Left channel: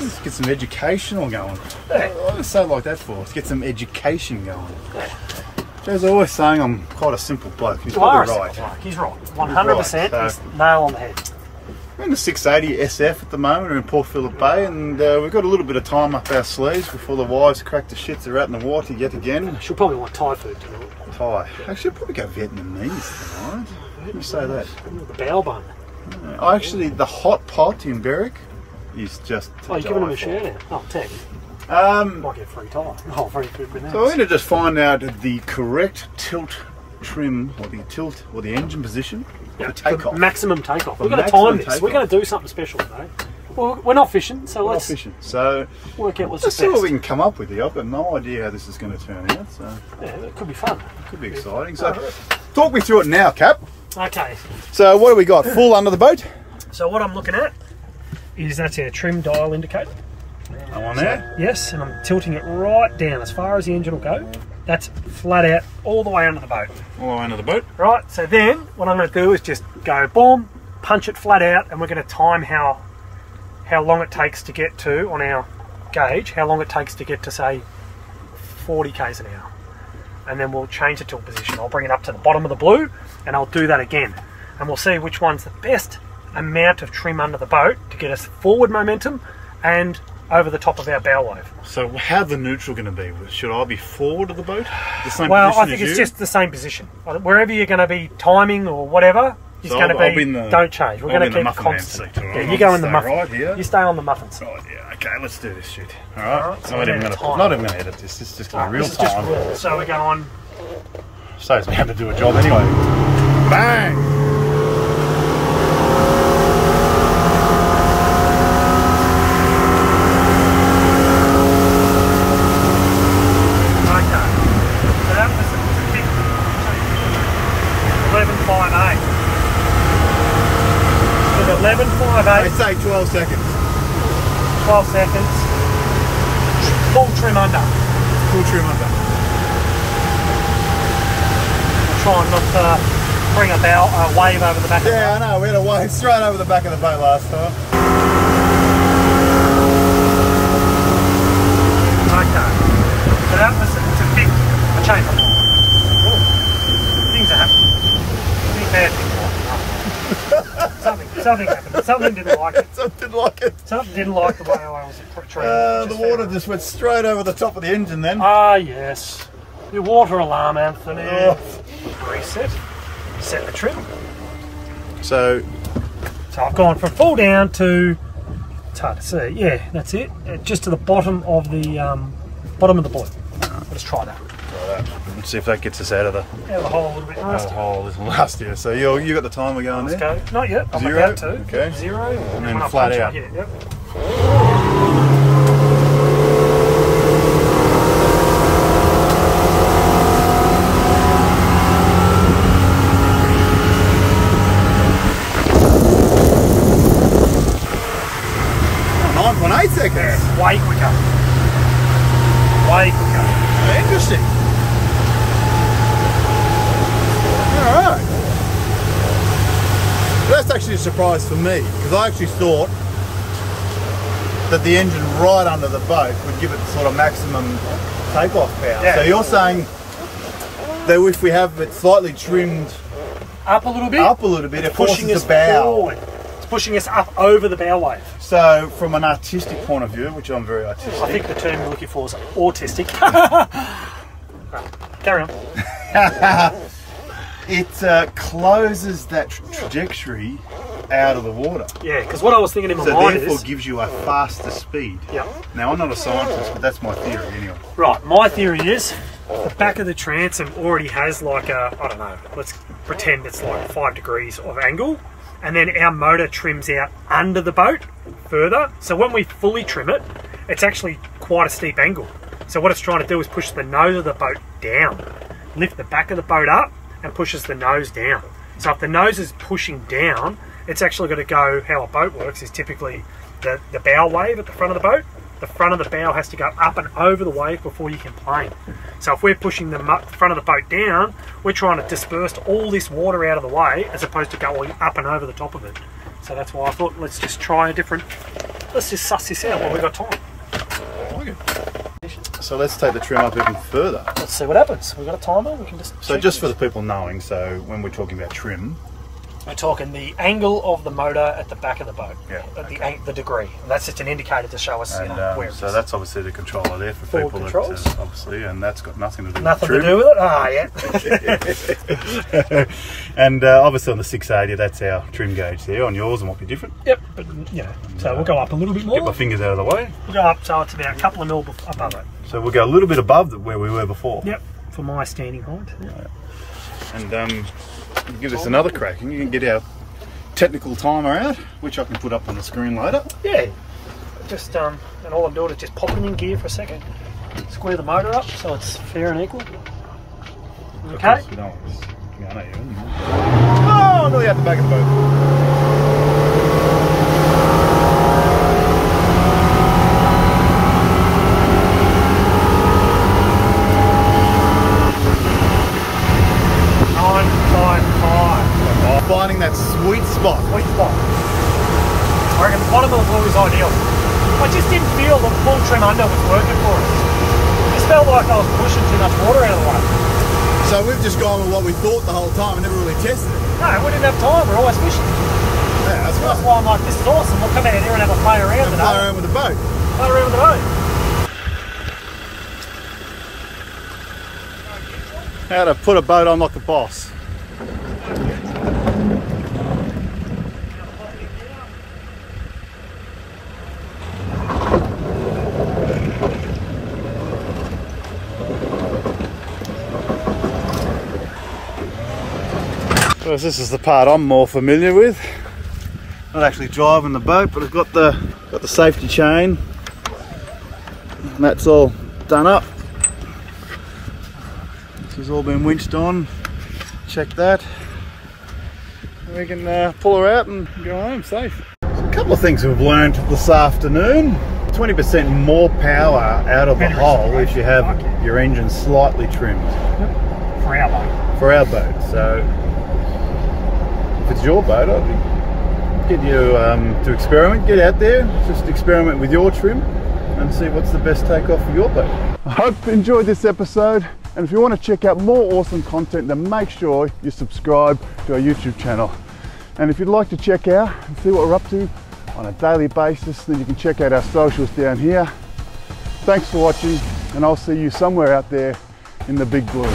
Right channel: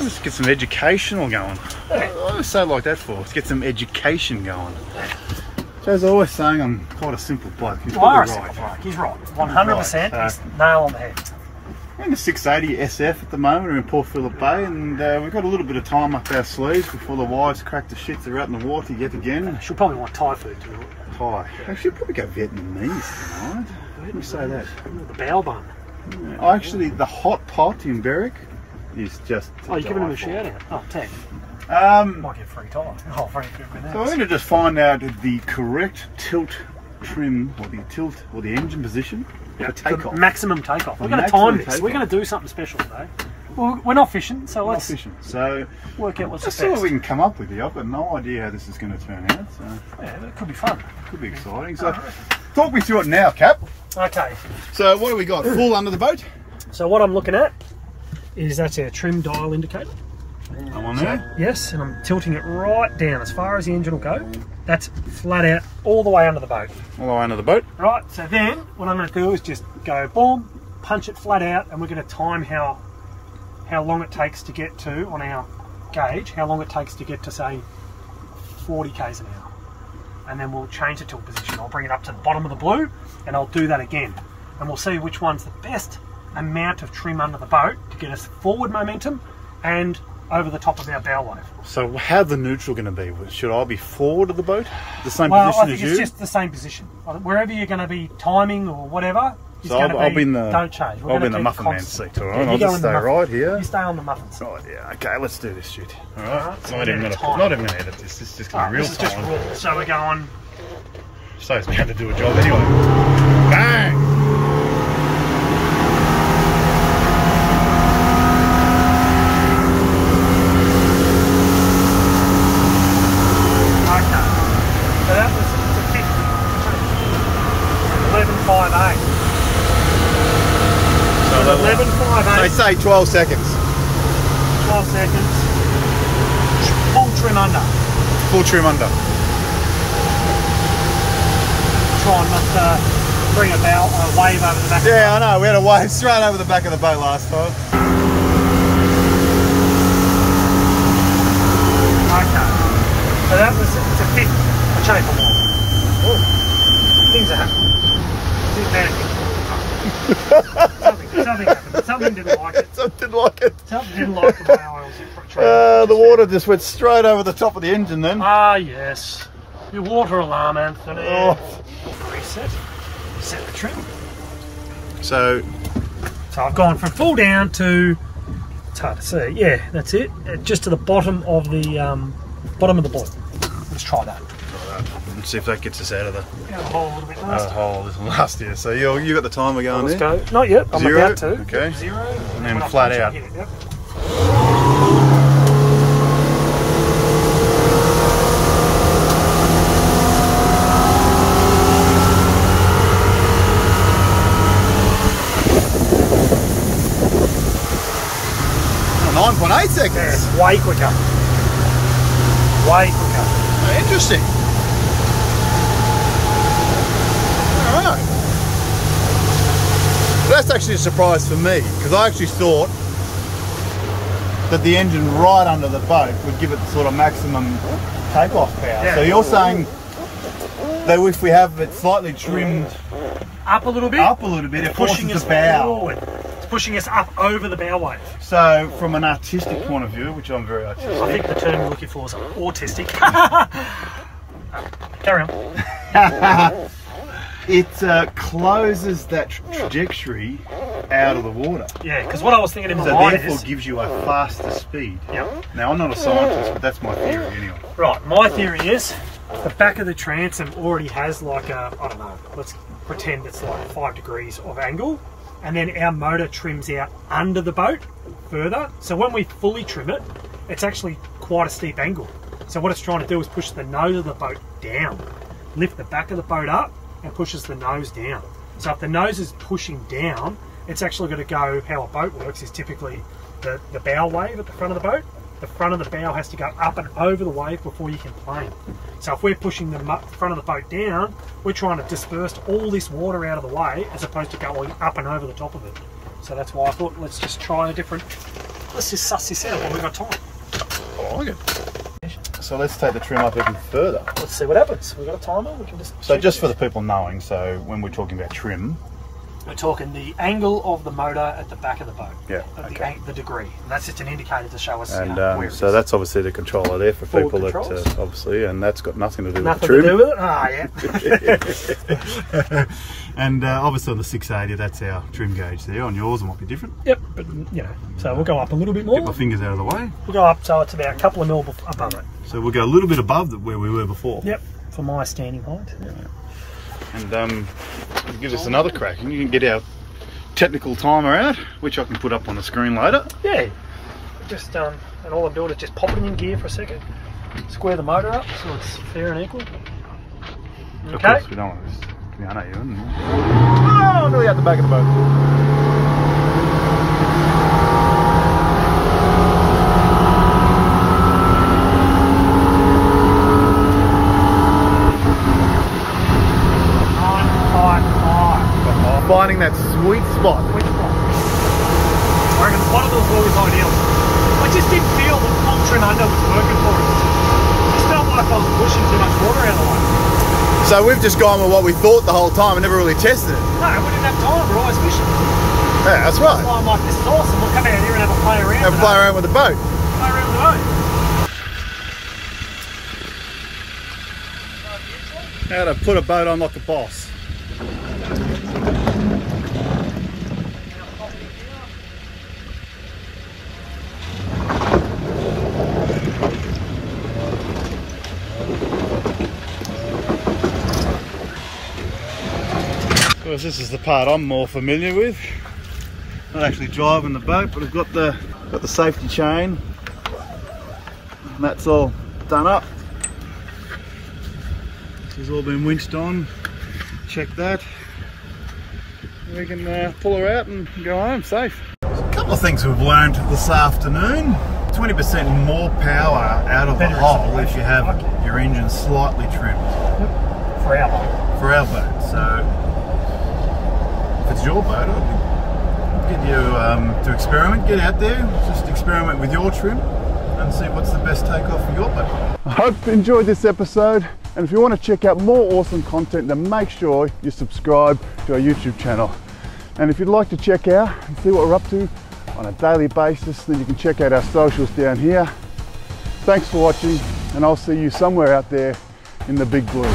Let's get some educational going. I always say it like that for. Let's get some education going. As I always saying, I'm quite a simple bloke. He's probably right. He's right. 100%. He's nail on the head. We're in the 680 SF at the moment. We're in Port Phillip Bay, and we've got a little bit of time up our sleeves before the wives crack the shits are out in the water yet again. She'll probably want Thai food tonight. Thai. Actually, I'll probably go Vietnamese tonight. How do you say that? The bao bun. Yeah. Actually, the hot pot in Berwick is just to you're giving him a shout out. Oh, tag. Might get free time. Or free food. So we're going to just find out the correct tilt trim, or the engine position for takeoff. The maximum takeoff. We're going to time this. We're going to do something special today. Well, we're not fishing, so let's work out what's the best. See what we can come up with here. I've got no idea how this is going to turn out. So yeah, it could be fun. It could be exciting. So talk me through it now, Cap. Okay. So what do we got? Full under the boat? So what I'm looking at is that's our trim dial indicator. That one there? Yes, and I'm tilting it right down as far as the engine will go. That's flat out all the way under the boat. All the way under the boat? Right, so then what I'm going to do is just go boom, punch it flat out, and we're going to time how long it takes to get to, on our gauge, how long it takes to get to, say, 40 k's an hour. And then we'll change the tilt position. I'll bring it up to the bottom of the blue, and I'll do that again. And we'll see which one's the best amount of trim under the boat to get us forward momentum and over the top of our bow wave. So how's the neutral going to be? Should I be forward of the boat? The same position I think as it's you? just the same position. Wherever you're going to be timing or whatever, it's going to be, don't change. We're going to keep muffin man constant. seat, all right? Yeah, you go in the muffin. Right here. You stay on the muffin seat. Right, yeah. Okay, let's do this shit. All right. So not even going to edit this. This is just going to be real time. So we're going. Saves me having to do a job anyway. Bang! So 11.58. They say 12 seconds. 12 seconds. Full trim under. Full trim under. Try not to bring a wave over the back. Yeah, I know. We had a wave straight over the back of the boat last time. Okay. So that was, it's a 50. I'll show you something. Oh, things are happening. Big bad things are happening. Something happened. Something didn't like it. Something like it. Something didn't like the way I was portraying. The water just went straight over the top of the engine then. Ah, yes. Your water alarm, Anthony. Oh. Reset. Set the trim. So I've gone from full down to, it's hard to see, yeah, that's it. Just to the bottom of the blue. Let's try that. and see if that gets us out of the hole a little bit last. Hole a little last year. So you got the timer going there? Let's go. Not yet. I'm 0. about to. Okay. 0. And then flat out. Yep. Oh, 9.8 seconds. Yeah, way quicker. Way quicker. Oh, interesting. Alright. That's actually a surprise for me, because I actually thought that the engine right under the boat would give it sort of maximum takeoff power. Yeah. So you're saying that if we have it slightly trimmed up a little bit, it forces the bow. Forward. It's pushing us up over the bow wave. So from an artistic point of view, which I'm very artistic. I think the term you're looking for is autistic. Carry on. It closes that trajectory out of the water. Yeah, because what I was thinking in my mind So therefore gives you a faster speed. Yeah. Now I'm not a scientist, but that's my theory anyway. Right, my theory is the back of the transom already has like a, I don't know, let's pretend it's like 5 degrees of angle, and then our motor trims out under the boat further. So when we fully trim it, it's actually quite a steep angle. So what it's trying to do is push the nose of the boat down, lift the back of the boat up, and pushes the nose down. So if the nose is pushing down, it's actually going to go, how a boat works is typically the bow wave at the front of the boat. The front of the bow has to go up and over the wave before you can plane. So if we're pushing the front of the boat down, we're trying to disperse all this water out of the way as opposed to going up and over the top of it. So that's why I thought let's just try a different. Let's just suss this out while we've got time. I like it. So let's take the trim up even further. Let's see what happens. We've got a timer. We can just. So just for the people knowing, so when we're talking about trim, we're talking the angle of the motor at the back of the boat. Yeah. At the degree. That's just an indicator to show us and, where it so is. that's obviously the controller there for Forward people controls. that obviously, and that's got nothing to do Nothing with the to trim. do with it? Ah, yeah. And obviously on the 680, that's our trim gauge there. On yours, it might be different. Yep, but you know, so we'll go up a little bit more. Get my fingers out of the way. We'll go up so it's about a couple of mil above it. So we'll go a little bit above where we were before. Yep, for my standing height. And we'll give this another crack, and you can get our technical timer out, which I can put up on the screen later. Yeah, just and all I'm doing is just popping in gear for a second. Square the motor up so it's fair and equal. Okay. Of course, we don't want this to be uneven. Oh, nearly out the back of the boat. Finding that sweet spot. Sweet spot. I reckon the bottom of the ball is ideal. I just didn't feel the full trim under was working for us. It felt like I was pushing too much water out of the way. So we've just gone with what we thought the whole time and never really tested it. No, we didn't have time. We're always fishing. Yeah, that's right. That's why I'm like, this is awesome. We'll come out here and have a play around. And play around with the boat. Play around with the boat. How to put a boat on like a boss. So this is the part I'm more familiar with. Not actually driving the boat, but I've got the safety chain, and that's all done up. This has all been winched on. Check that. And we can pull her out and go home safe. So a couple of things we've learned this afternoon. 20% more power out of the hull if you have your engine slightly trimmed. For our boat. For our boat. So if it's your boat, I'd get you to experiment. Get out there, just experiment with your trim and see what's the best takeoff for your boat. I hope you enjoyed this episode, and if you want to check out more awesome content, then make sure you subscribe to our YouTube channel. And if you'd like to check out and see what we're up to on a daily basis, then you can check out our socials down here. Thanks for watching, and I'll see you somewhere out there in the big blue.